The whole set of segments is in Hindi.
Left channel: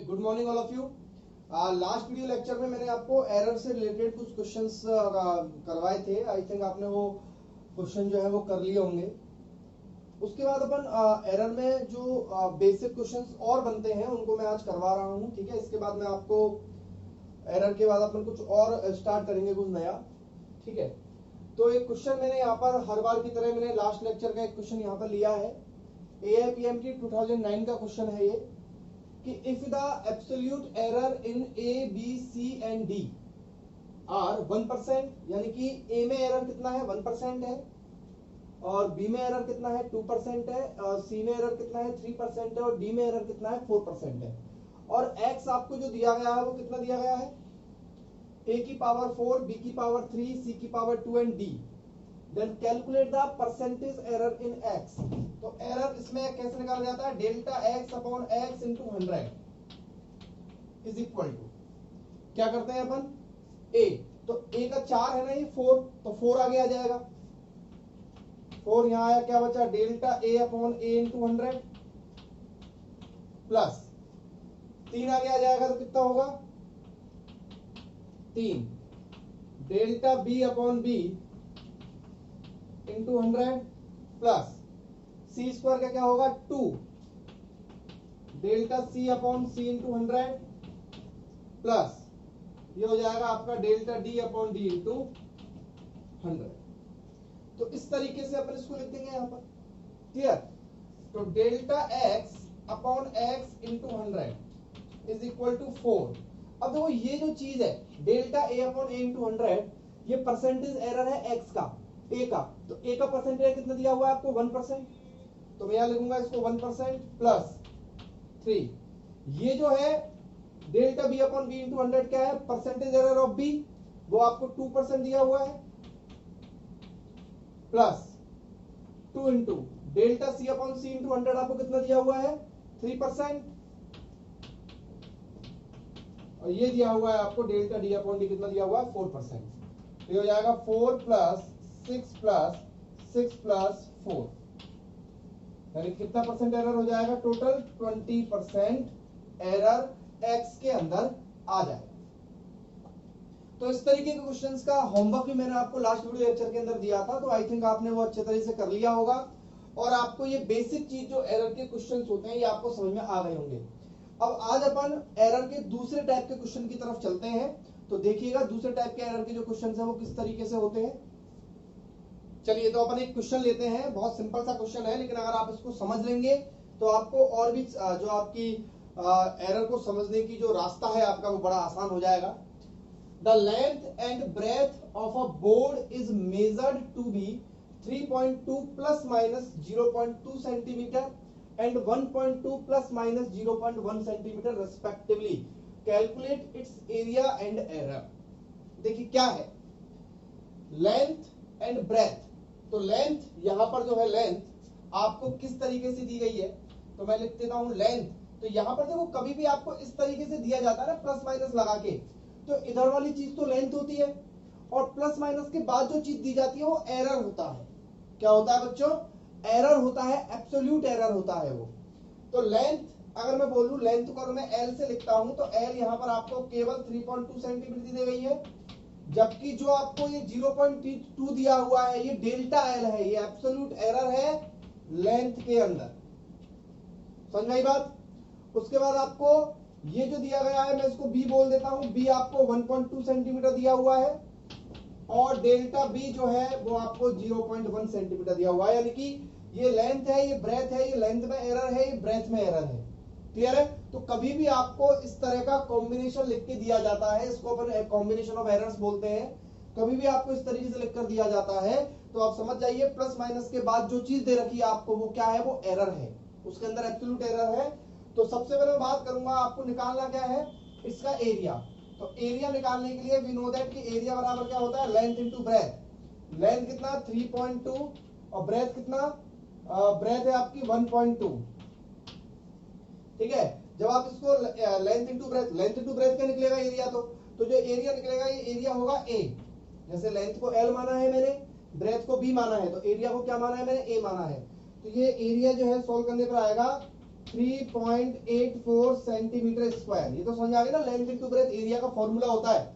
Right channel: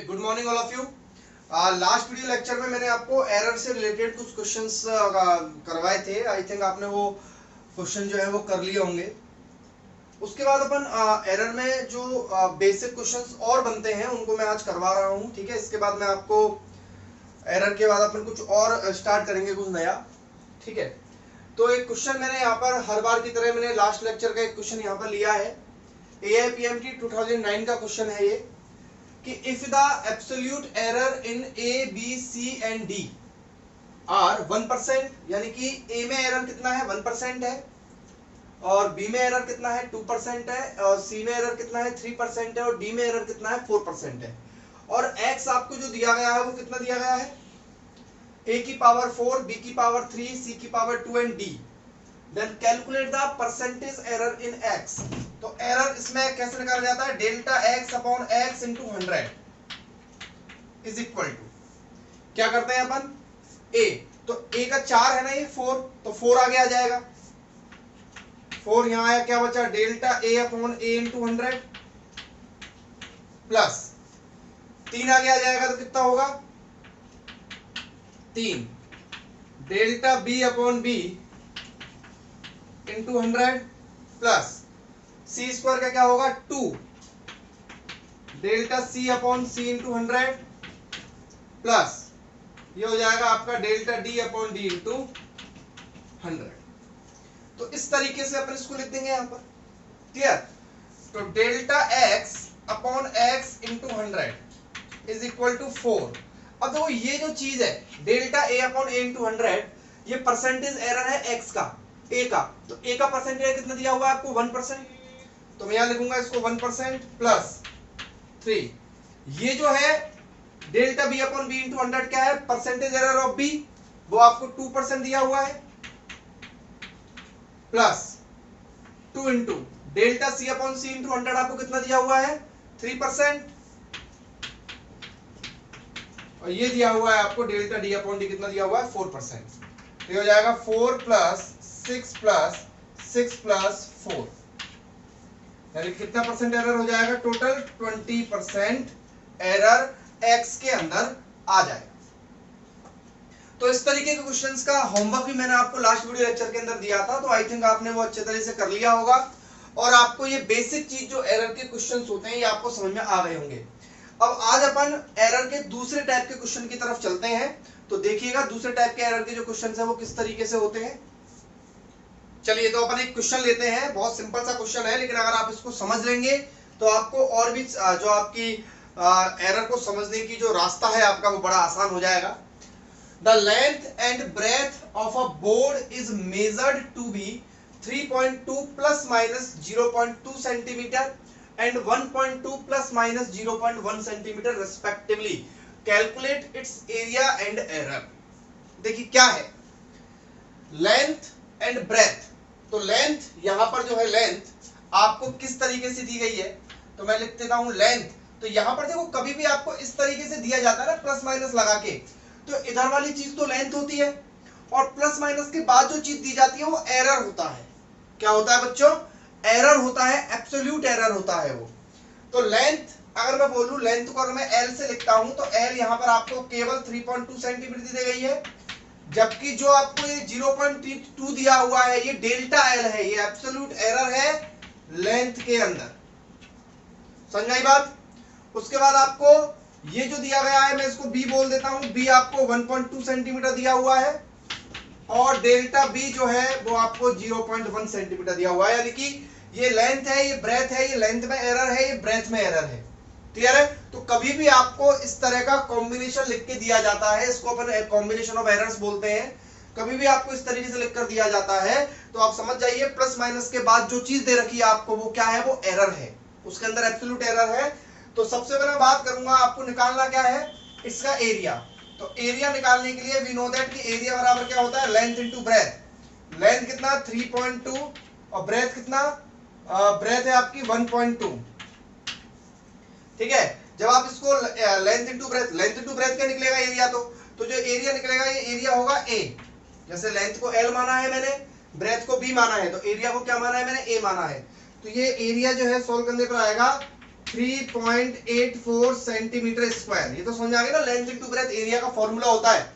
Good morning all of you. Last video lecture में मैंने आपको एरर से रिलेटेड कुछ क्वेश्चंस करवाए थे। आई थिंक आपने वो क्वेश्चन जो है वो कर लिए होंगे। उसके बाद अपन एरर में जो बेसिक क्वेश्चंस और बनते हैं उनको मैं आज करवा रहा हूँ। ठीक है, इसके बाद मैं आपको एरर के बाद अपन कुछ और स्टार्ट करेंगे, कुछ नया। ठीक है, तो एक क्वेश्चन मैंने यहाँ पर हर बार की तरह मैंने लास्ट लेक्चर का एक क्वेश्चन यहाँ पर लिया है। AIPMT 2009 का क्वेश्चन है ये कि if the absolute error in A, B, C and D are 1%, यानी कि A में एरर कितना है 1% है, और B में एरर कितना है 2% है, और C में एरर कितना है 3% है, और D में एरर कितना है 4% है, और X आपको जो दिया गया है वो कितना दिया गया है A की पावर 4, B की पावर 3, C की power 2 and D। Then calculate the percentage error in X। तो एरर इसमें कैसे निकाला जाता है, delta X upon X into 100 is equal to, क्या करते हैं अपन A, तो A का 4 है ना, ये 4, तो 4 आगे आ जाएगा, 4 यहां आया, क्या बचा delta A upon A into 100 plus 3 आगे आ जाएगा, तो कितना होगा 3 delta B upon B into 100 plus C square का क्या होगा 2 delta C upon C into 100 plus ये हो जाएगा आपका delta D upon D into 100। तो इस तरीके से अपन इसको लिख देंगे यहाँ पर, क्लियर। तो delta X upon X into 100 is equal to 4। अब देखो ये जो चीज है delta A upon A into 100, ये परसेंटेज एरर है X का, A का। तो A का परसेंटेज कितना दिया हुआ है आपको 1%, तो मैं यहां लिखूंगा इसको 1% प्लस 3। ये जो है delta B upon B into 100 क्या है, परसेंटेज एरर ऑफ B, वो आपको 2% दिया हुआ है, plus 2 into delta C upon C into 100 आपको कितना दिया हुआ है 3%, और ये दिया हुआ है आपको डेल्टा D अपॉन D कितना दिया हुआ है 4%। तो ये हो जाएगा 4 प्लस 6 प्लस 6 प्लस 4, यानी कितना परसेंट एरर हो जाएगा, टोटल 20% एरर X के अंदर आ जाएगा। तो इस तरीके के क्वेश्चंस का होमवर्क भी मैंने आपको लास्ट वीडियो लेक्चर के अंदर दिया था, तो आई थिंक आपने वो अच्छे तरह से कर लिया होगा, और आपको ये बेसिक चीज जो एरर के क्वेश्चंस होते हैं ये आपको समझ में आ गए होंगे। अब आज अपन एरर के दूसरे टाइप के क्वेश्चन की तरफ चलते हैं। तो देखिएगा दूसरे टाइप के एरर के जो क्वेश्चंस हैं वो किस तरीके से होते हैं। चलिए, तो अपन एक क्वेश्चन लेते हैं, बहुत सिंपल सा क्वेश्चन है, लेकिन अगर आप इसको समझ लेंगे तो आपको और भी जो आपकी एरर को समझने की जो रास्ता है आपका वो बड़ा आसान हो जाएगा। The length and breadth of a board is measured to be 3.2 plus minus 0.2 centimeter and 1.2 plus minus 0.1 centimeter respectively. Calculate its area and error. देखिए क्या है लेंथ एंड ब्रेथ। तो लेंथ यहाँ पर जो है लेंथ आपको किस तरीके से दी गई है, तो मैं लिख देता हूं लेंथ। तो यहाँ पर देखो कभी भी आपको इस तरीके से दिया जाता है ना प्लस माइनस लगा के, तो इधर वाली चीज तो लेंथ होती है, और प्लस माइनस के बाद जो चीज दी जाती है वो एरर होता है। क्या होता है बच्चों, एरर होता है, एब्सोल्यूट एरर होता है वो। तो लेंथ अगर मैं बोलूं, लेंथ को अगर मैं एल से लिखता हूं तो एल यहाँ पर आपको केवल 3.2 सेंटीमीटर दी गई है, जबकि जो आपको ये 0.2 दिया हुआ है ये डेल्टा एल है, ये एब्सोल्यूट एरर है लेंथ के अंदर। समझ आई बात। उसके बाद आपको ये जो दिया गया है मैं इसको बी बोल देता हूं, बी आपको 1.2 सेंटीमीटर दिया हुआ है, और डेल्टा बी जो है वो आपको 0.1 सेंटीमीटर दिया हुआ है, यानी कि ये लेंथ है, ये ब्रेथ है, ये लेंथ में एरर है, ये ब्रेथ में एरर है। क्लियर है। तो कभी भी आपको इस तरह का कॉम्बिनेशन लिख के दिया जाता है, इसको अपन कॉम्बिनेशन ऑफ एरर्स बोलते हैं। कभी भी आपको इस तरीके से लिखकर दिया जाता है तो आप समझ जाइए प्लस माइनस के बाद जो चीज दे रखी है आपको वो क्या है, वो एरर है, उसके अंदर एब्सोल्यूट एरर है। तो सबसे पहले मैं बात करूंगा, आपको निकालना क्या है इसका एरिया। तो एरिया निकालने के लिए वी नो दैट कि एरिया बराबर क्या होता है, लेंथ इनटू ब्रेथ। लेंथ कितना 3.2 और ब्रेथ कितना, ब्रेथ है आपकी 1.2। ठीक है, जब आप इसको लेंथ इनटू ब्रेथ क्या निकलेगा एरिया, तो जो एरिया निकलेगा ये एरिया होगा ए। जैसे लेंथ को एल माना है मैंने, ब्रेथ को बी माना है, तो एरिया को क्या माना है मैंने, ए माना है। तो ये एरिया जो है सॉल्व करने पर आएगा 3.84 सेंटीमीटर स्क्वायर। ये तो समझ आ गया ना, लेंथ इनटू ब्रेथ एरिया का फॉर्मूला होता है।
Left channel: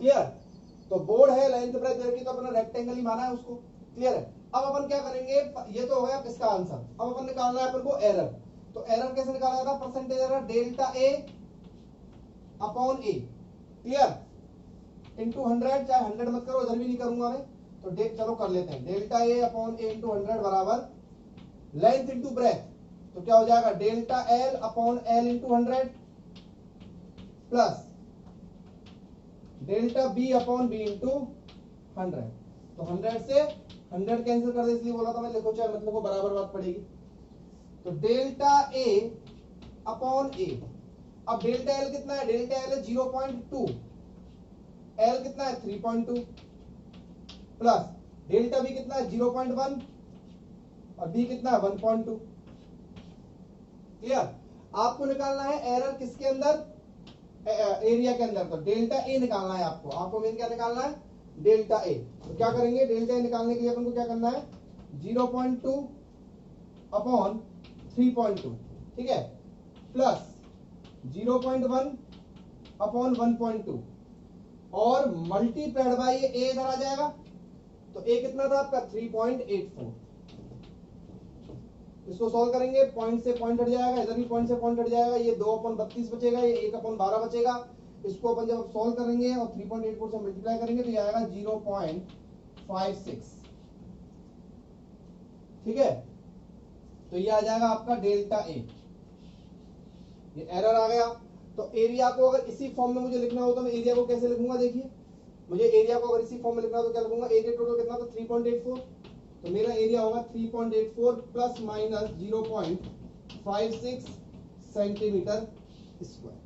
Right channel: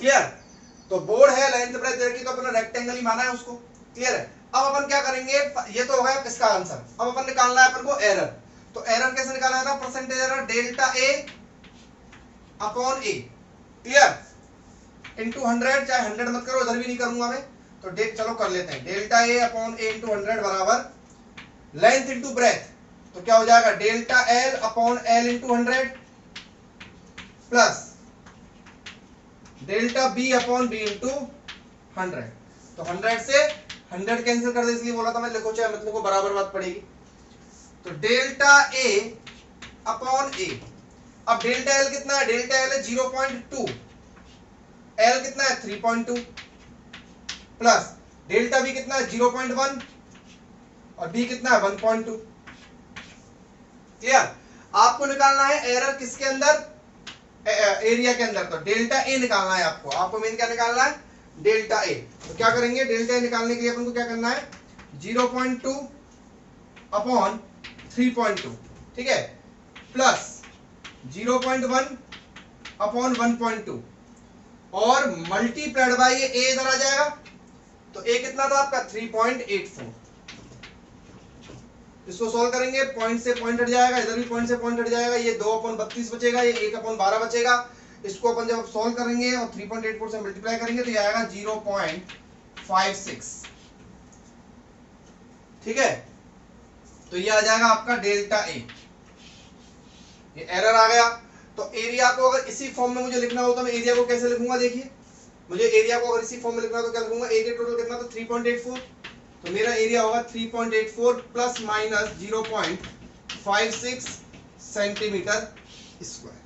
क्लियर? तो बोर्ड है, लेंथ ब्रेथ एरिया की तो अपने रेक्टेंगल ही माना है उसको। क्लियर है? अब अपन क्या करेंगे, ये तो हो गया इसका आंसर। अब अपन निकालना है अपन को एरर। तो एरर कैसे निकालना है ना, percentage error delta A upon A. Clear? Into 100, चाहे 100 मत करो, इधर भी नहीं करूंगा मैं, तो चलो कर लेते हैं। Delta A upon A into 100 बराबर लेंथ इंटू ब्रेथ, तो क्या हो जाएगा delta L upon L into 100 plus delta B upon B into 100। तो 100 से 100 कैंसिल कर दे, इसलिए बोला था मैं, लिखो चाहे मतलब को बराबर बात पड़ेगी। तो डेल्टा ए अपॉन ए, अब डेल्टा एल कितना है, डेल्टा एल है 0.2, एल कितना है 3.2 प्लस डेल्टा बी कितना है 0.1 और बी कितना है 1.2। क्लियर? आपको निकालना है एरर किसके अंदर, एरिया के अंदर। तो डेल्टा ए निकालना है आपको मेन क्या निकालना है, डेल्टा ए। तो क्या करेंगे, डेल्टा ए निकालने के लिए अपन को क्या करना है 0.2 अपॉन 3.2, ठीक है, प्लस 0.1 अपॉन 1.2 और मल्टीप्लाइड बाय ये ए इधर आ जाएगा। तो ए कितना था आपका 3.84। इसको सॉल्व करेंगे, पॉइंट से पॉइंट हट जाएगा, इधर भी पॉइंट से पॉइंट हट जाएगा, ये 2/32 बचेगा, ये 1/12 बचेगा। इसको अपन जब सॉल्व करेंगे और 3.84 से मल्टीप्लाई करेंगे तो ये आएगा 0.56। ठीक है? तो ये आ जाएगा आपका डेल्टा ए। ये एरर आ गया। तो एरिया को अगर इसी फॉर्म में मुझे लिखना हो तो मैं एरिया को कैसे लिखूंगा, देखिए मुझे एरिया को अगर इसी फॉर्म में लिखना हो तो क्या लिखूंगा, एरिया टोटल कितना था 3.84, तो मेरा एरिया होगा 3.84 प्लस माइनस 0.56 सेंटीमीटर स्क्वायर।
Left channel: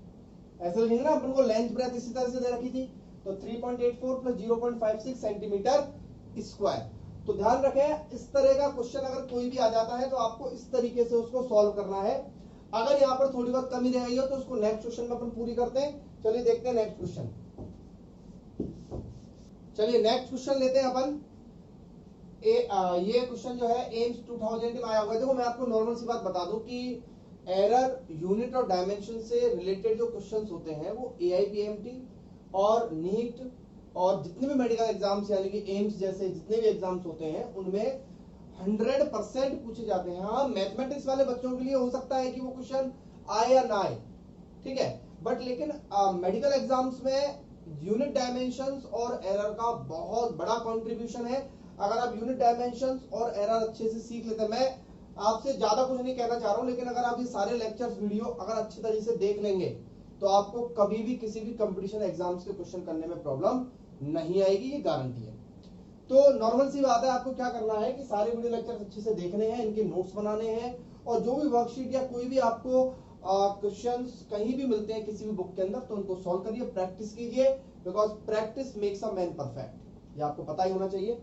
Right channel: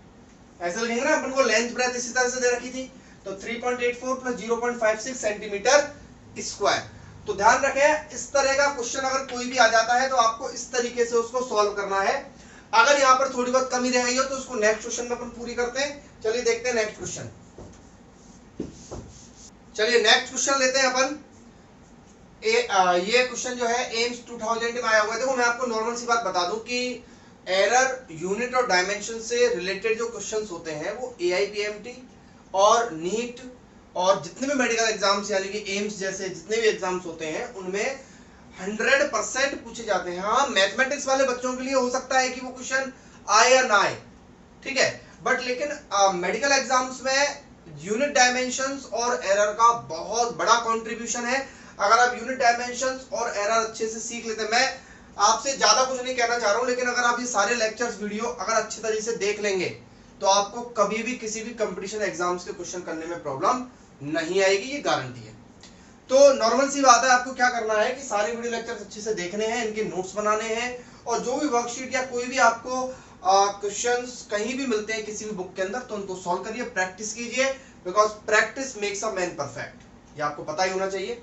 ऐसे लिखेंगे ना अपन को, लेंथ ब्रेथ इसी तरह से दे रखी थी, तो 3.84 प्लस 0.56 सेंटीमीटर स्क्वायर। तो ध्यान रखें, इस तरह का क्वेश्चन अगर कोई भी आ जाता है तो आपको इस तरीके से उसको सॉल्व करना है। अगर यहाँ पर थोड़ी बहुत कमी रह गई हो तो उसको नेक्स्ट क्वेश्चन में अपन पूरी करते हैं। चलिए देखते हैं नेक्स्ट क्वेश्चन। चलिए नेक्स्ट क्वेश्चन लेते हैं अपन। ये क्वेश्चन जो है एम्स 2000 में आया हुआ है। देखो मैं आपको नॉर्मल सी बात बता दूं कि एरर, यूनिट और डायमेंशन से रिलेटेड जो क्वेश्चंस होते हैं वो AIPMT और नीट और जितने भी मेडिकल एग्जाम्स यानी कि एम्स जैसे जितने भी एग्जाम्स होते हैं उनमें 100% पूछे जाते हैं। हाँ, मैथमेटिक्स वाले बच्चों के लिए हो सकता है कि वो क्वेश्चन आए या ना आए, ठीक है, बट लेकिन मेडिकल एग्जाम्स में यूनिट डायमेंशंस और एरर का बहुत बड़ा कंट्रीब्यूशन है। अगर आप यूनिट डायमेंशंस और एरर अच्छे से सीख लेते हैं, मैं आपसे ज्यादा कुछ नहीं कहना चाह रहा हूं, लेकिन अगर आप ये सारे लेक्चर्स वीडियो अगर अच्छी तरीके से देख लेंगे तो आपको कभी भी किसी भी कंपटीशन एग्जाम्स के क्वेश्चन करने में प्रॉब्लम नहीं आएगी, ये गारंटी है। तो नॉर्मल सी बात है, आपको क्या करना है कि सारे वीडियो लेक्चर्स अच्छे से देखने हैं, इनके नोट्स बनाने हैं, और जो भी वर्कशीट या कोई भी आपको क्वेश्चंस कहीं भी मिलते हैं किसी भी बुक के अंदर तो उनको सॉल्व करिए, प्रैक्टिस कीजिए, because practice makes a man perfect, ये आपको पता ही होना चाहिए।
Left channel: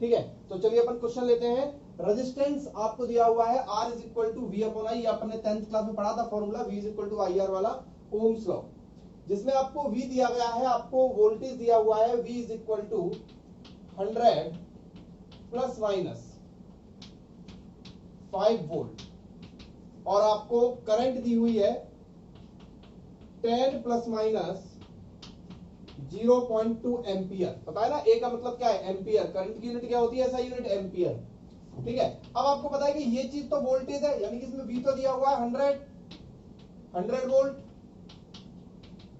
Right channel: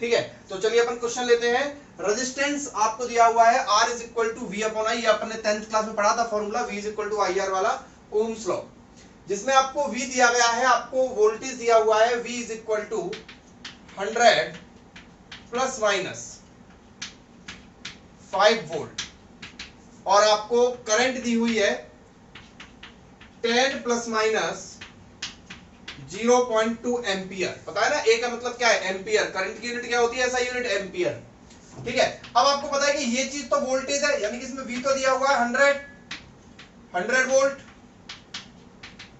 ठीक है, तो चलिए अपन क्वेश्चन लेते हैं। रेजिस्टेंस आपको दिया हुआ है R is equal to V upon I, ये अपने 10th क्लास में पढ़ा था formula, V is equal to IR वाला ओम्स लॉ, जिसमें आपको V दिया गया है, आपको वोल्टेज दिया हुआ है V is equal to 100 plus minus 5 volt, और आपको करंट दी हुई है 10 प्लस माइनस 0.2 एम्पियर। पता है ना, ए का मतलब क्या है, एम्पियर। करंट की यूनिट क्या होती है, ऐसा यूनिट एम्पियर। ठीक है, अब आपको पता है कि ये चीज तो वोल्टेज है, यानी कि इसमें V तो दिया हुआ है 100 वोल्ट,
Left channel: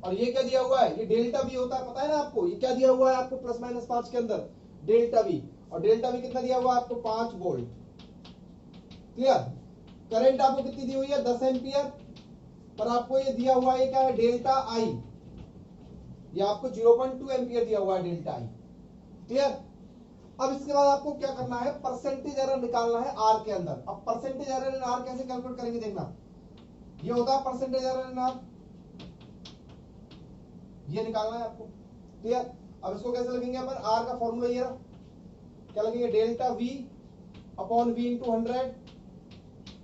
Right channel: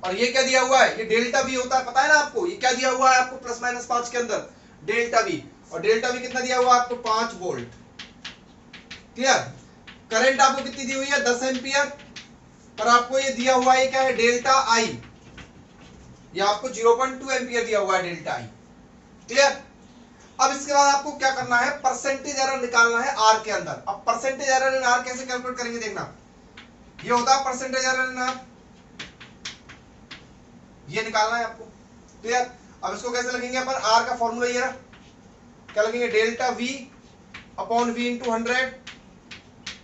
और ये क्या दिया हुआ है, ये डेल्टा V होता है, पता है ना आपको, ये क्या दिया हुआ है आपको प्लस माइनस 5 के अंदर डेल्टा V, और डेल्टा V कितना दिया हुआ है आपको 5 वोल्ट। क्लियर? करंट आपको कितनी दी हुई है 10 एम्पियर, पर आपको ये दिया हुआ है क्या है डेल्टा I, ये आपको 0.2 एम्पियर दिया हुआ है डेल्टा I। क्लियर? अब इसके बाद आपको क्या करना है, परसेंटेज एरर निकालना है R के अंदर। अब परसेंटेज एरर इन R कैसे कैलकुलेट करेंगे देखना, ये होता है परसेंटेज एरर इन R, ये निकालना है आपको। क्लियर? अब इसको कैसे लिखेंगे अपन, R का फॉर्मूला ये रहा, क्या लिखेंगे delta V upon V into 100।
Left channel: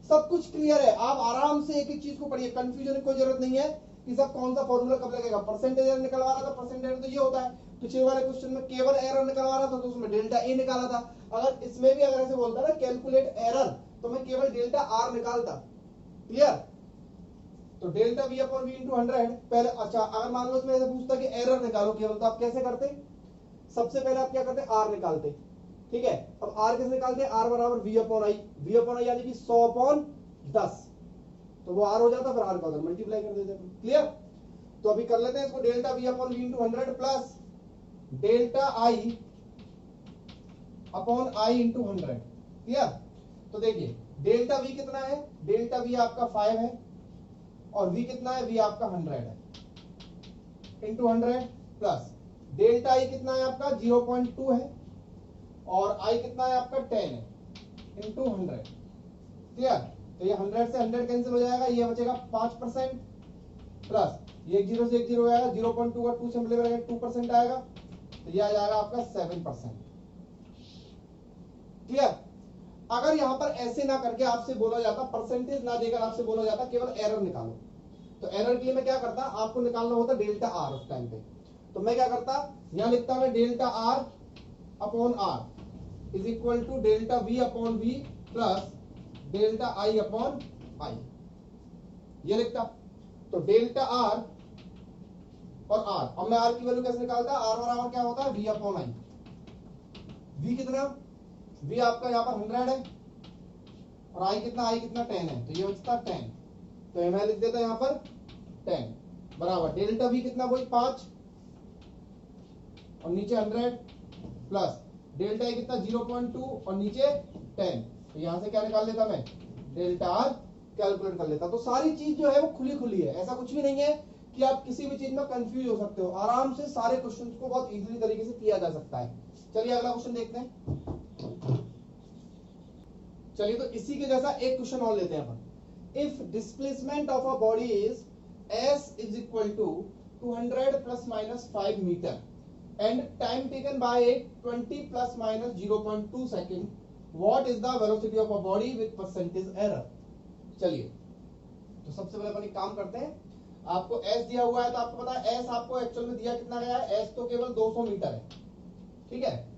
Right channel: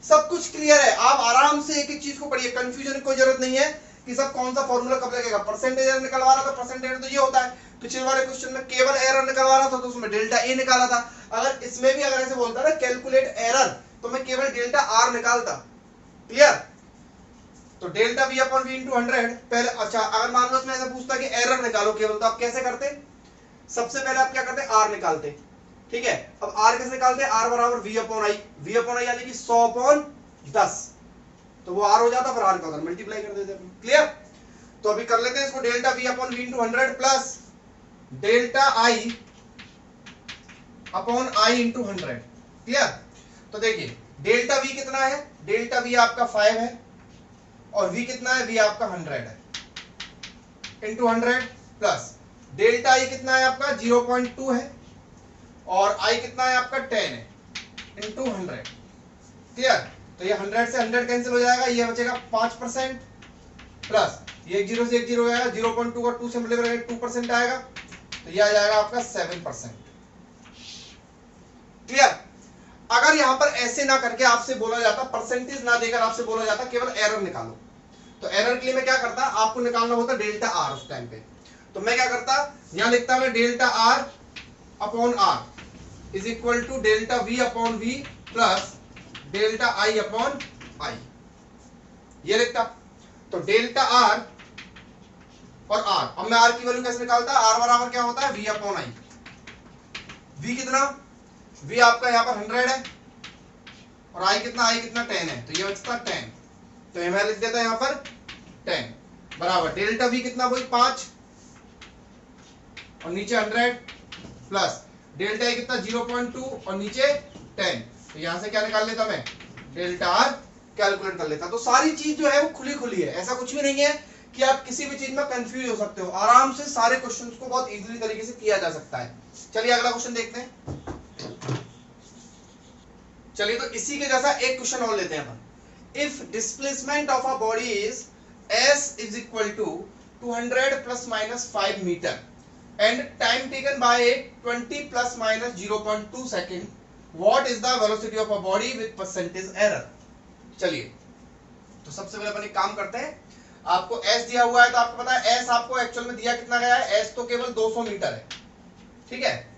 सब कुछ क्लियर है, आप आराम से एक एक चीज को पढ़िए, कंफ्यूजन की कोई जरूरत नहीं है कि सब कौन सा फॉर्मूला कब लगेगा। परसेंटेज एरर निकलवा रहा था, परसेंटेज एरर तो ये होता है, पिछले वाले क्वेश्चन में केवल एरर निकलवा रहा था तो उसमें डेल्टा ए निकाला था। अगर इसमें भी अगर ऐसे बोलता ना कैलकुलेट एरर, तो मैं केवल डेल्टा आर निकालता, क्लियर? तो delta V upon V into 100 पहले। अच्छा, अगर मान लो इसमें ऐसा पूछता कि एरर निकालो केवल, तो आप कैसे करते? सबसे पहले आप क्या करते? आर निकालते, ठीक है। अब आर कैसे निकालते हैं? आर बराबर V upon I, V upon I यानी कि 100 अपॉन 10, तो वो आर हो जाता, फिर आर का मल्टीप्लाई कर देते हैं। क्लियर? तो अभी कर लेते हैं इसको, delta V upon V into 100 plus delta I upon I into 100। Clear? तो देखिए डेल्टा वी कितना है? डेल्टा वी आपका 5 है, और v कितना है? v आपका 100 है, इंटू 100 प्लस डेल्टा i कितना है आपका? 0.2 है, और i कितना है आपका? 10 है, इंटू 100। क्लियर? तो ये 100 से 100 कैंसिल हो जाएगा, ये बचेगा 5% प्लस ये 1 0 से 1 0 हो जाएगा, 0.2 और 2 से मल्टीप्लाई करेंगे 2% आएगा, तो ये आ जाएगा आपका 7%। क्लियर? अगर यहां पर ऐसे ना करके आपसे बोला जाता, परसेंटेज ना देकर आपसे बोला जाता केवल एरर निकालो, तो एरर के लिए मैं क्या करता? आपको निकालना होता डेल्टा आर उस टाइम पे। तो मैं क्या करता? यहां लिखता मैं delta R upon R is equal to delta V upon V plus delta I upon I, ये लिखता। तो डेल्टा आर और आर, अब मैं आर की वैल्यू कैसे निकालता? आर बराबर क्या होता है? V upon I. वी कितना? वी आपका यहां पर 100 है, और आई कितना? आई कितना? 10 है, तो ये बचता 10, तो मैं लिख देता यहां पर 10 बराबर डेल्टा वी कितना? वही 5, और नीचे 100 प्लस डेल्टा आई कितना? 0.2 और नीचे 10, तो यहां से क्या निकाल लेता मैं? डेल्टा आर कैलकुलेट कर लेता। तो सारी चीज जो है वो खुली खुली है, ऐसा कुछ भी नहीं है कि आप किसी भी चीज में कंफ्यूज हो सकते हो। आराम से सारे क्वेश्चंस को बहुत इजीली तरीके से किया जा सकता है। चलिए अगला क्वेश्चन देखते हैं। चलिए तो इसी के जैसा एक क्वेश्चन और लेते हैं अपन। If displacement of a body is s is equal to 200 plus minus 5 meter and time taken by it 20 plus minus 0.2 second, what is the velocity of a body with percentage error? चलिए तो सबसे पहले अपन एक काम करते हैं, आपको s दिया हुआ है, तो आपको पता है s आपको एक्चुअल में दिया कितना गया है? s तो केवल 200 मीटर है, ठीक है,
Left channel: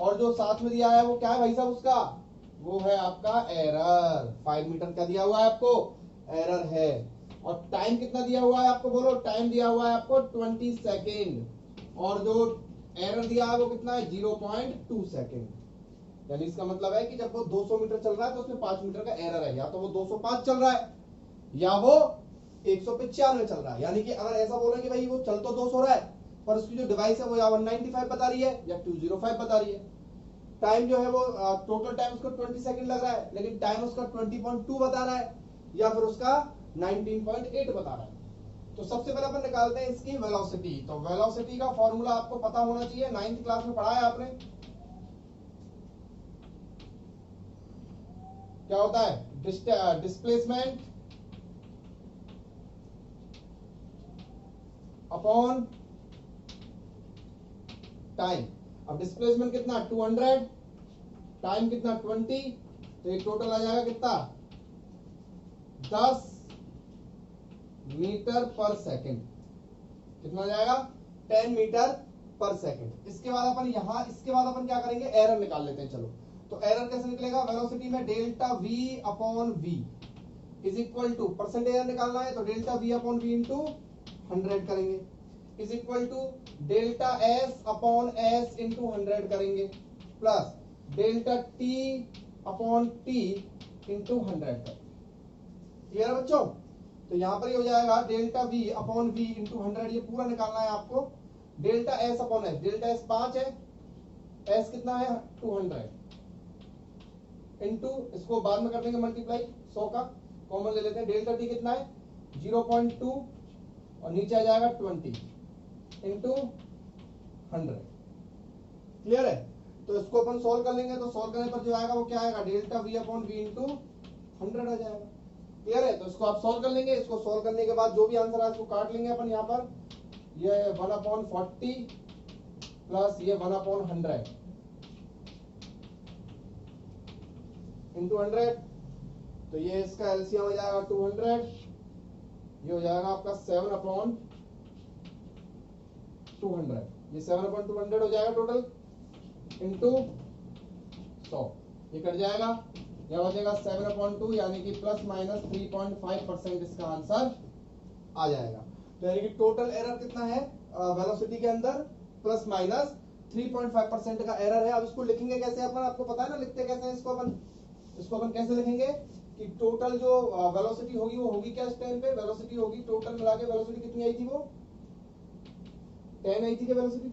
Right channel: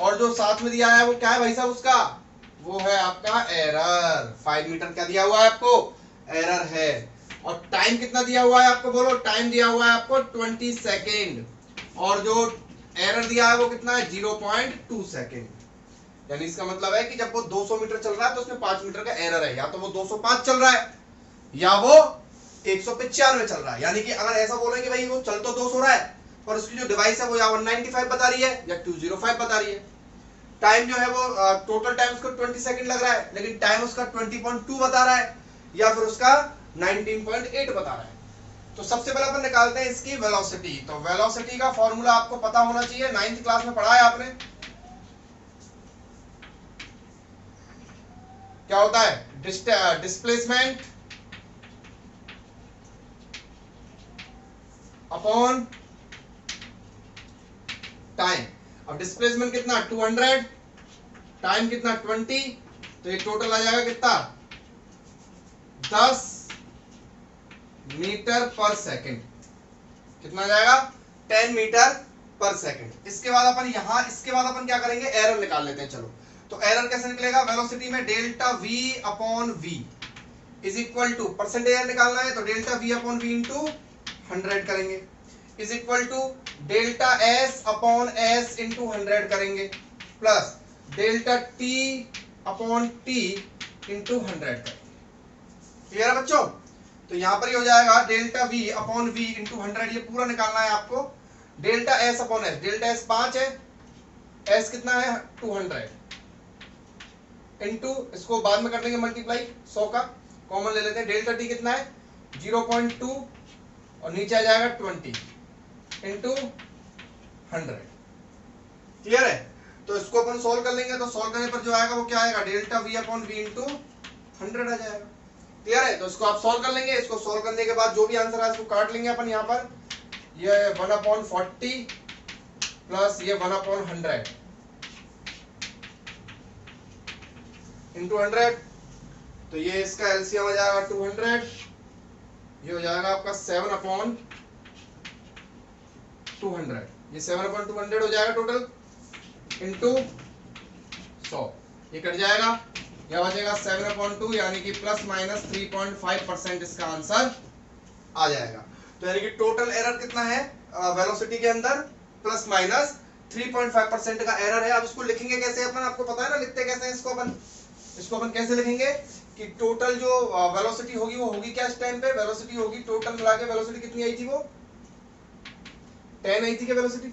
और जो साथ में दिया है वो क्या है भाई साहब? उसका वो है आपका एरर। 5 मीटर क्या दिया हुआ है आपको? एरर है। और टाइम कितना दिया हुआ है आपको? बोलो। टाइम दिया हुआ है आपको 20 सेकेंड, और जो एरर दिया है वो कितना है? 0.2 सेकेंड। यानी इसका मतलब है कि जब वो 200 मीटर चल रहा है तो उसमें 5 मीटर का एरर है, या तो वो 205 चल रहा है या वो 195 चल रहा है। यानी कि अगर ऐसा बोलेंगे भाई वो चल तो 200 रहा है, पर उसकी जो डिवाइस है वो या 195 बता रही है या 205 बता रही है। टाइम जो है वो टोटल टाइम उसको 20 सेकंड लग रहा है, लेकिन टाइम उसका 20.2 बता रहा है, या फिर उसका 19.8 बता रहा है। तो सबसे पहले अपन निकालते हैं इसकी वेलोसिटी। तो वेलोसिटी का फॉर्मूला आपको पता होना चाहिए, 9th क्लास में पढ़ा है आपने। क्या होता है? Displacement upon time. अब डिस्प्लेसमेंट कितना? 200, टाइम कितना? 20, तो ये टोटल आ जाएगा कितना? 10 मीटर पर सेकंड। कितना आ जाएगा? 10 मीटर पर सेकंड। इसके बाद अपन क्या करेंगे? एरर निकाल लेते हैं। चलो तो एरर कैसे निकलेगा? वेलोसिटी में delta v upon v is equal to, percentage error निकालना है तो delta v upon v into 100 करेंगे, is equal to delta s upon s into 100 करेंगे, plus delta t upon t into 100 करेंगे। क्लियर है बच्चों? तो यहां पर ही हो जाएगा delta v upon v into 100, ये पूरा निकालना है आपको। Delta s upon s, delta s 5 है, s कितना है? 200 इंटू, इसको बाद में कर देंगे मल्टीप्लाई, 100 का कॉमन ले लेते हैं। डेल्टा t कितना है? 0.2, और नीचे आ जाएगा 20 इंटू 100। क्लियर है? तो इसको अपन सोल्व कर लेंगे, तो सोल्व करने पर जो आएगा वो क्या आएगा? Delta v upon v into 100 आ जाएगा। क्लियर है? तो इसको आप सॉल्व कर लेंगे। इसको सॉल्व करने के बाद जो भी आंसर है इसको काट लेंगे अपन। यहाँ पर ये 1/40 प्लस ये 1/100 इंटू 100, तो ये इसका एलसीएम आ जाएगा 200, ये हो जाएगा आपका 7/200, ये 7/200 हो जाएगा टोटल, इंटू 100, ये कट जाएगा, यह हो जाएगा 7/2 यानी कि प्लस माइनस 3.5% इसका आंसर आ जाएगा। तो यानी कि टोटल एरर कितना है वेलोसिटी के अंदर, प्लस माइनस 3.5% का एरर है। अब इसको लिखेंगे कैसे अपन, आपको पता है ना लिखते कैसे हैं इसको अपन कैसे लिखेंगे कि टोटल जो वेलोसिटी होगी वो होगी क्या, इस टाइम पे वेलोसिटी होगी टोटल मिला के वेलोसिटी कितनी आई थी, वो 10 आई थी क्या वेलोसिटी,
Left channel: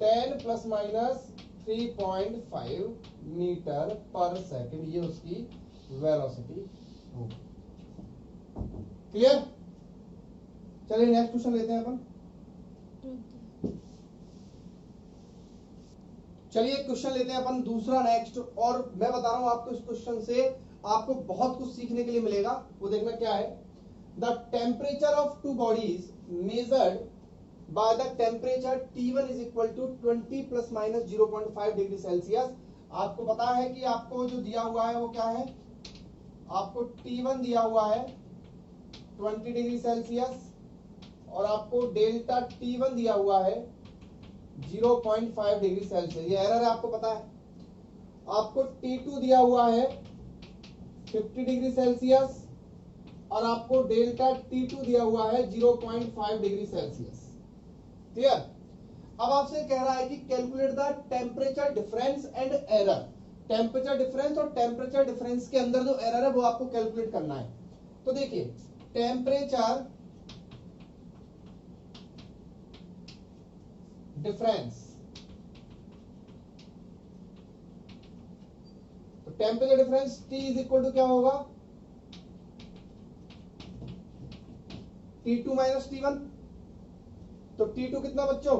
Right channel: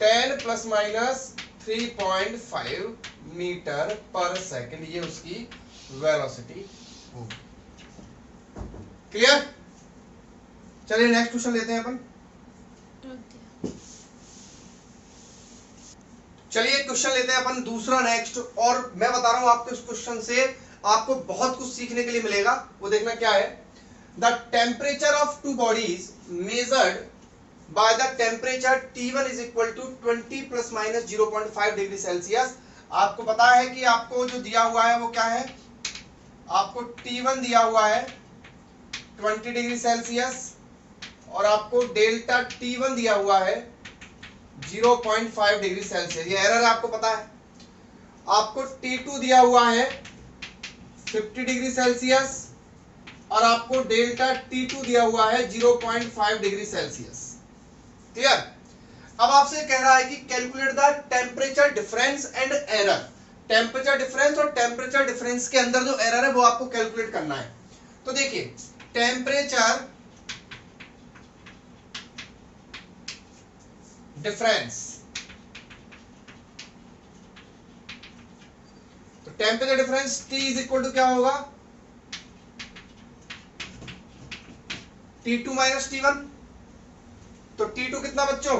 10 प्लस माइनस 3.5 मीटर पर सेकंड, ये उसकी वेलोसिटी होगी। क्लियर? चलिए नेक्स्ट क्वेश्चन लेते हैं अपन। चलिए क्वेश्चन लेते हैं अपन दूसरा नेक्स्ट, और मैं बता रहा हूं आपको इस क्वेश्चन से आपको बहुत कुछ सीखने के लिए मिलेगा। वो देखना क्या है, the temperature of two bodies measured by the temperature T1 is equal to 20 plus minus 0.5 degree Celsius. आपको पता है कि आपको जो दिया हुआ है वो क्या है, आपको T1 दिया हुआ है 20 डिग्री सेल्सियस और आपको डेल्टा T1 दिया हुआ है 0.5 डिग्री सेल्सियस। ये एरर आपको पता है। आपको T2 दिया हुआ है 50 डिग्री सेल्सियस और आपको डेल्टा T2 दिया हुआ है 0.5 डिग्री सेल्सियस। क्लियर? अब आपसे कह रहा है कि calculate the temperature difference and error. Temperature difference और टेम्परेचर डिफरेंस के अंदर जो एरर है वो आपको कैलकुलेट करना है। तो देखिए टेम्परेचर डिफरेंस, तो temperature difference T is equal to क्या होगा, T2 माइनस T1। तो T2 कितना बच्चों,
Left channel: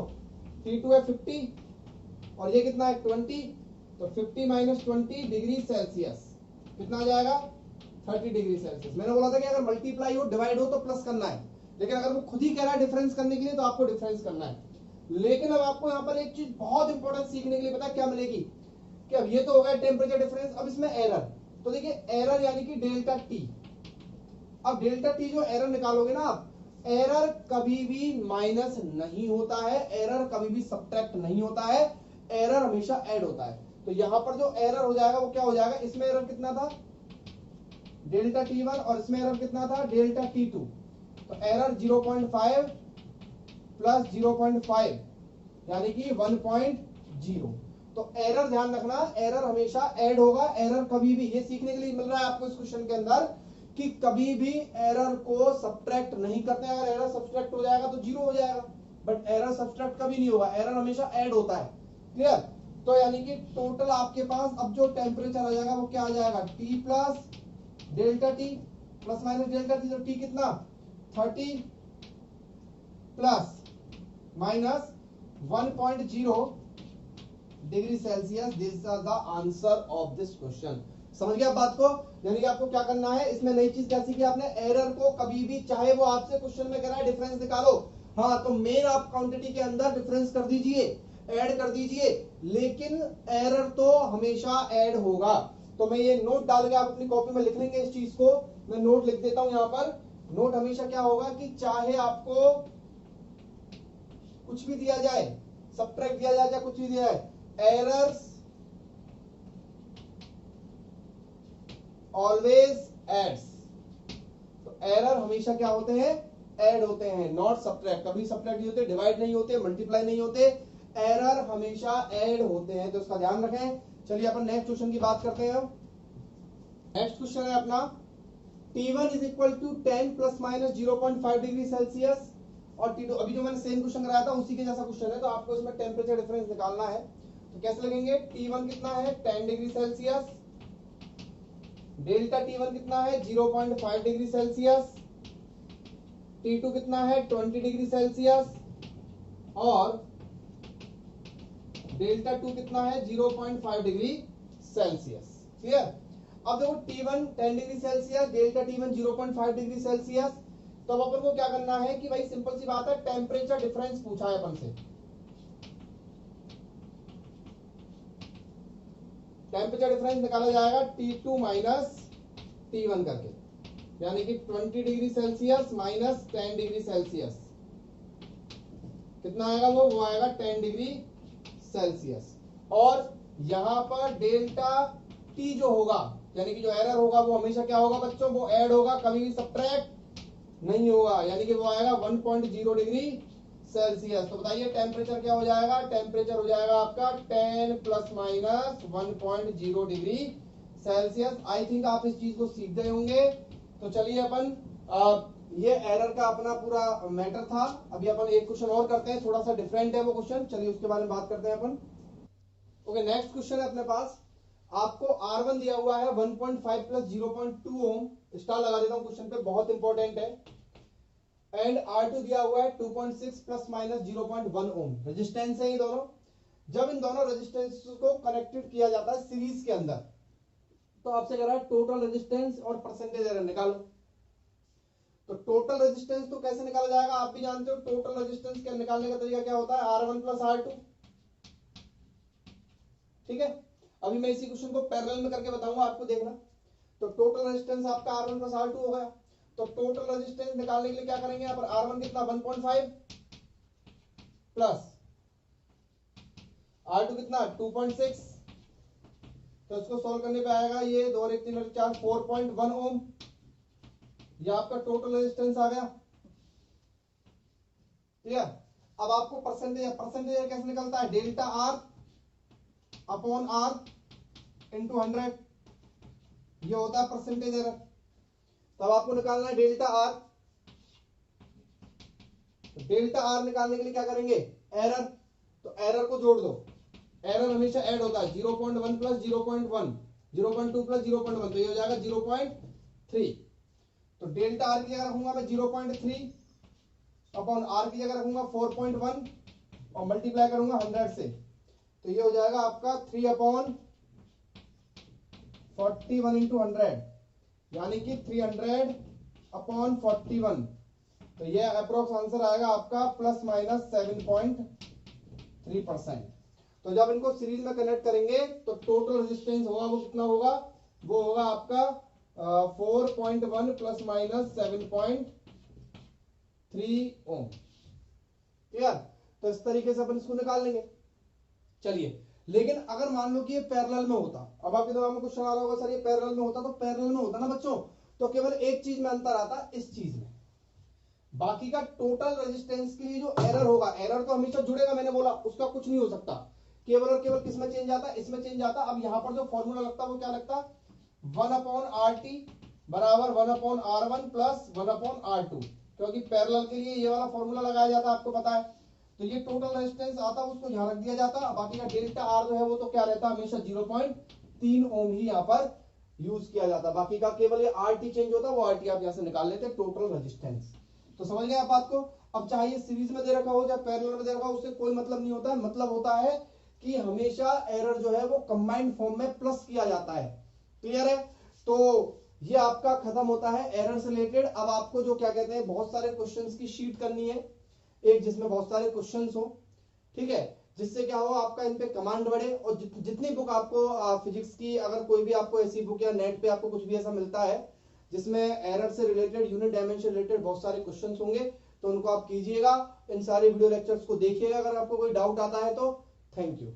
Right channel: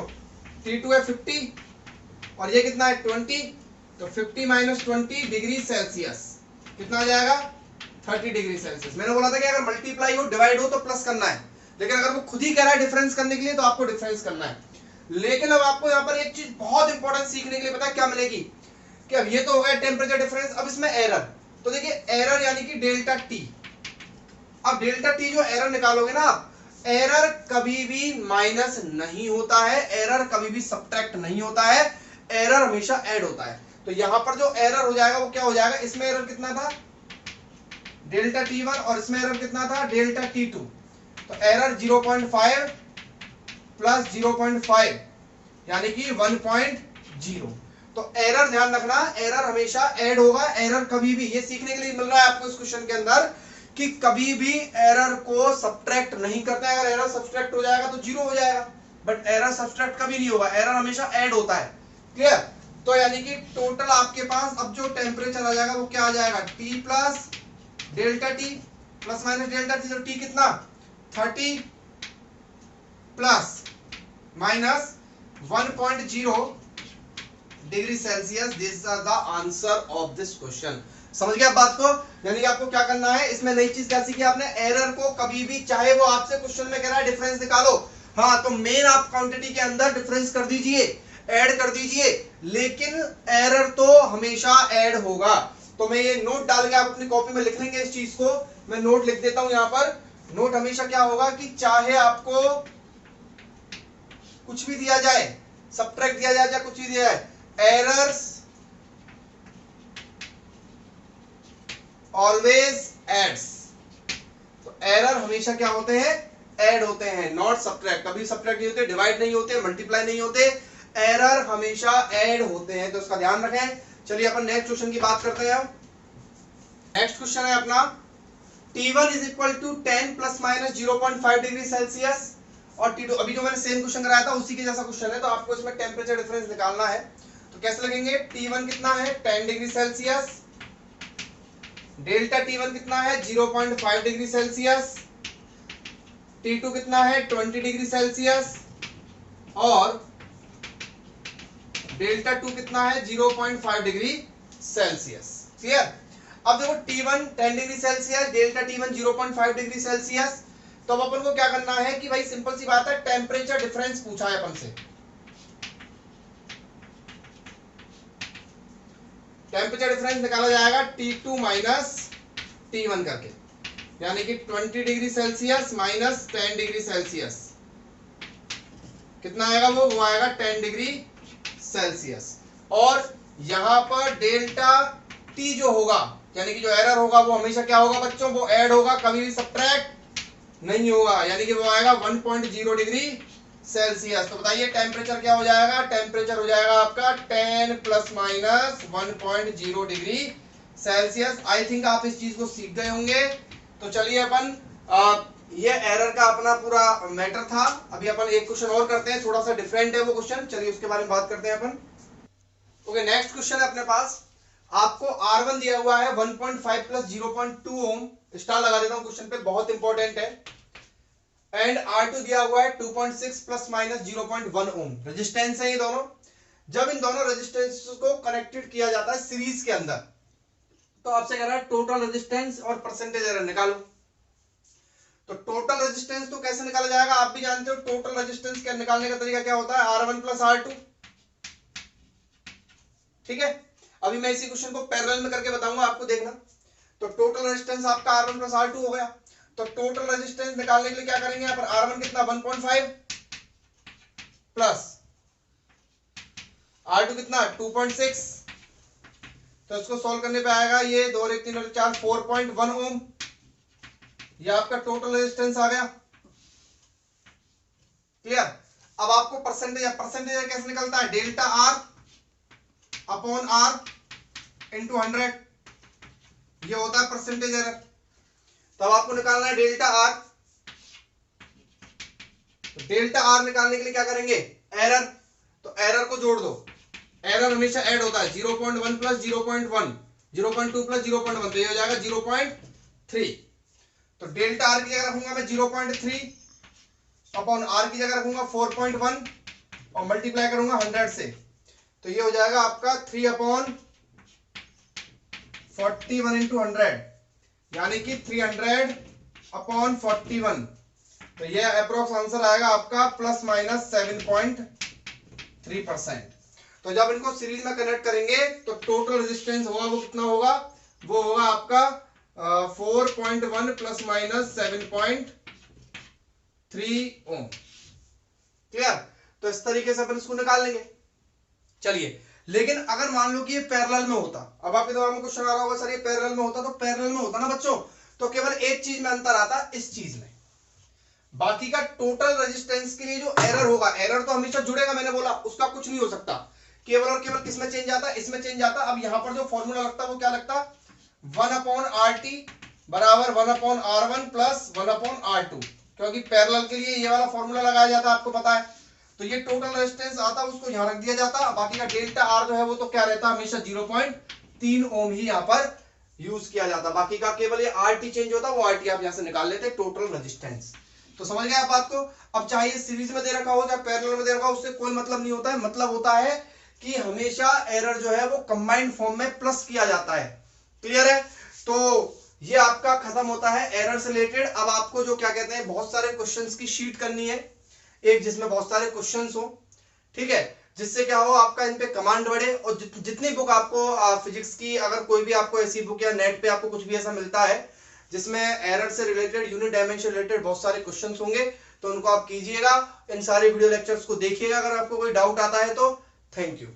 T2 है 50 और ये कितना है 20, तो 50 माइनस 20 डिग्री सेल्सियस कितना आ जाएगा 30 डिग्री सेल्सियस। मैंने बोला था कि अगर मल्टीप्लाई हो डिवाइड हो तो प्लस करना है, लेकिन अगर वो खुद ही कह रहा है डिफरेंस करने के लिए तो आपको डिफरेंस करना है। लेकिन अब आपको यहाँ पर एक चीज बहुत इंपॉर्टेंट सीखने के लिए पता है क्या मिलेगी, कि अब ये तो हो गया टेम्परेचर डिफरेंस, अब इसमें एरर। तो देखिए एरर यानी कि डेल्टा टी। अब डेल्टा टी जो एरर निकालोगे ना आप, एरर कभी भी माइनस नहीं होता है, एरर कभी भी सब्ट्रैक्ट नहीं होता है, एरर हमेशा ऐड होता है। तो यहां पर जो एरर हो जाएगा वो क्या हो जाएगा, इसमें एरर कितना था डेल्टा T1 और इसमें एरर कितना था डेल्टा T2। तो एरर 0.5 प्लस 0.5 यानी कि 1.0। तो एरर ध्यान रखना, एरर हमेशा ऐड होगा, एरर कभी भी, ये सीखने के लिए मिल रहा है आपको इस क्वेश्चन के अंदर कि कभी भी एरर को सब्ट्रैक्ट नहीं करते हैं। अगर एरर सब्ट्रैक्ट हो जाएगा तो जीरो हो जाएगा, बट एरर सब्ट्रैक्ट कभी नहीं होगा, एरर हमेशा ऐड होता है। क्लियर? तो यानी कि टोटल आपके पास अब जो टेम्परेचर आ जाएगा वो क्या आ जाएगा, T plus delta T plus minus delta T। तो T कितना 30 plus minus 1.0 degree Celsius. This is the answer of this question. समझ गया आप बात को? यानी कि आपको क्या करना है, इसमें नई चीज क्या सीखी आपने, एरर को कभी भी, चाहे वो आपसे क्वेश्चन में कह रहा है डिफरेंस निकालो, हाँ तो मेन आप क्वांटिटी के अंदर डिफरेंस कर दीजिए, ऐड कर दीजिए, लेकिन एरर तो हमेशा ऐड होगा। तो मैं ये नोट डाल के आप अपनी कॉपी में लिख लेंगे इस चीज को, मैं नोट लिख देता हूं यहाँ पर। नोट हमेशा क्या होगा कि चाहे आपको कुछ भी दिया जाए, सब्ट्रैक्ट दिया जाए, चाहे कुछ भी दिया जाए, एरर्स ऑलवेज एड्स। तो एरर हमेशा क्या होते हैं, ऐड होते हैं, नॉट सब्ट्रैक्ट। कभी सब्ट्रैक्ट नहीं होते, डिवाइड नहीं होते, मल्टीप्लाई नहीं होते, एरर हमेशा ऐड होते हैं, तो इसका ध्यान रखें। चलिए अपन नेक्स्ट क्वेश्चन की बात करते हैं। नेक्स्ट क्वेश्चन है अपना T1 is equal to 10 plus minus 0.5 degree Celsius और T2, अभी जो मैंने सेम क्वेश्चन कराया था उसी के जैसा क्वेश्चन है। तो आपको इसमें टेम्परेचर डिफरेंस निकालना है, तो कैसे लगेंगे, T1 कितना है 10 डिग्री सेल्सियस, डेल्टा T1 कितना है 0.5 डिग्री सेल्सियस, T2 कितना है 20 डिग्री सेल्सियस और डेल्टा 2 कितना है 0.5 डिग्री सेल्सियस। क्लियर? अब देखो T1 10 degree Celsius, delta T1 0.5 degree Celsius. तो अब अपन को क्या करना है कि भाई सिंपल सी बात है, टेम्परेचर डिफरेंस पूछा है अपन से। टेम्परेचर डिफरेंस निकाला जाएगा T2 माइनस T1 करके, यानी कि 20 degree Celsius minus 10 degree Celsius कितना आएगा, वो आएगा 10 डिग्री सेल्सियस। और यहां पर डेल्टा टी जो होगा यानी कि जो एरर होगा वो हमेशा क्या होगा बच्चों, वो ऐड होगा, कभी भी सब्ट्रैक्ट नहीं होगा, यानी कि वो आएगा 1.0 डिग्री सेल्सियस। तो बताइए टेम्परेचर क्या हो जाएगा, टेम्परेचर हो जाएगा आपका 10 plus minus 1.0 degree Celsius. I think आप इस चीज को सीख गए होंगे। तो चलिए अपन ये एरर का अपना पूरा मैटर था। अभी अपन एक क्वेश्चन और करते हैं, थोड़ा सा डिफरेंट है वो क्वेश्चन, चलिए उसके बारे में बात करते हैं अपन। ओके, नेक्स्ट क्वेश्चन है अपने पास। आपको R1 दिया हुआ है 1.5 प्लस 0.2 ओम, स्टार लगा देता हूं क्वेश्चन पे, बहुत इंपॉर्टेंट है। एंड R2 दिया हुआ है 2.6 प्लस माइनस 0.1 ओम, रेजिस्टेंस है ये दोनों। जब इन दोनों रेजिस्टेंस को कनेक्टेड किया जाता है सीरीज के अंदर, तो आपसे कह रहा है टोटल रेजिस्टेंस और परसेंटेज एरर निकालो। तो टोटल रेजिस्टेंस तो कैसे निकाला जाएगा, आप भी जानते हो। टोटल रेजिस्टेंस का निकालने का तरीका क्या होता है, R1 प्लस R2। ठीक है, अभी मैं इसी क्वेश्चन को पैरेलल में करके बताऊंगा आपको, देखना। तो टोटल रेजिस्टेंस आपका R1 प्लस R2 हो गया। तो टोटल रेजिस्टेंस निकालने के लिए क्या करेंगे, यहाँ पर R1 कितना 1.5 प्लस R2 कितना 2.6। तो इसको सॉल्व करने पे आएगा ये 2 और 1 3 और 4 4.1 ओम। ये आपका टोटल रेजिस्टेंस आ गया। क्लियर। अब आपको परसेंटेज कैसे निकलता है, delta R upon R into 100, ये होता है परसेंटेज एरर। तब आपको निकालना है डेल्टा R। तो डेल्टा R निकालने के लिए क्या करेंगे, एरर। तो एरर को जोड़ दो, एरर हमेशा ऐड होता है, 0.1 प्लस 0.1, 0.2 प्लस 0.1, तो ये हो जाएगा 0.3। तो डेल्टा R की जगह रखूंगा मैं 0.3 अपॉन R की जगह रखूंगा 4.1 और मल्टीप्लाई करूंगा 100 से, तो ये हो जाएगा आपका 3 अपॉन 41 इंटू 100, यानी कि 300 अपॉन 41। तो ये अप्रोक्स आंसर आएगा आपका प्लस माइनस 7.3%। तो जब इनको सीरीज में कनेक्ट करेंगे तो टोटल रेजिस्टेंस होगा वो कितना होगा, वो होगा आपका 4.1 प्लस माइनस 7.3 ओम। क्लियर। तो इस तरीके से अपन इसको निकाल लेंगे। चलिए, लेकिन अगर मान लो कि ये पैरेलल में होता, अब आपके दिमाग में क्वेश्चन आ रहा होगा सर ये पैरेलल में होता, तो पैरेलल में होता ना बच्चों, तो केवल एक चीज में अंतर आता, इस चीज में। बाकी का टोटल रेजिस्टेंस के लिए जो एरर होगा, एरर तो हमेशा जुड़ेगा, मैंने बोला उसका कुछ नहीं हो सकता, केवल और केवल किसमें चेंज आता, इसमें चेंज आता। अब यहां पर जो फॉर्मूला लगता वो क्या लगता, 1 अपॉन RT बराबर 1 upon R1 plus 1 upon R2, क्योंकि पैरेलल के लिए ये वाला फॉर्मूला लगाया जाता, आपको पता है। तो ये टोटल रेजिस्टेंस आता, उसको यहां रख दिया जाता। बाकी का डेल्टा R जो है वो तो क्या रहता, हमेशा 0.3 ओम ही यहां पर यूज किया जाता। बाकी का केवल ये RT चेंज होता, वो RT आप यहां से निकाल लेते, टोटल रेजिस्टेंस। तो समझ गए आप बात को। अब चाहे सीरीज में दे रखा हो चाहे पैरेलल में दे रखा हो, उससे कोई मतलब नहीं होता है। मतलब होता है कि हमेशा एरर जो है वो कंबाइंड फॉर्म में प्लस किया जाता है। क्लियर है। तो ये आपका खत्म होता है एरर से रिलेटेड। अब आपको जो क्या कहते हैं, बहुत सारे क्वेश्चंस की शीट करनी है, एक जिसमें बहुत सारे क्वेश्चंस हो, ठीक है, जिससे क्या हो आपका इन पे कमांड बढ़े। और जितनी बुक आपको फिजिक्स की, अगर कोई भी आपको ऐसी बुक या नेट पे आपको कुछ भी ऐसा मिलता है जिसमें एरर से रिलेटेड, यूनिट डायमेंशन रिलेटेड बहुत सारे क्वेश्चंस होंगे, तो उनको आप कीजिएगा। इन सारे वीडियो लेक्चर्स को देखिएगा। अगर आपको कोई डाउट आता है तो थैंक यू।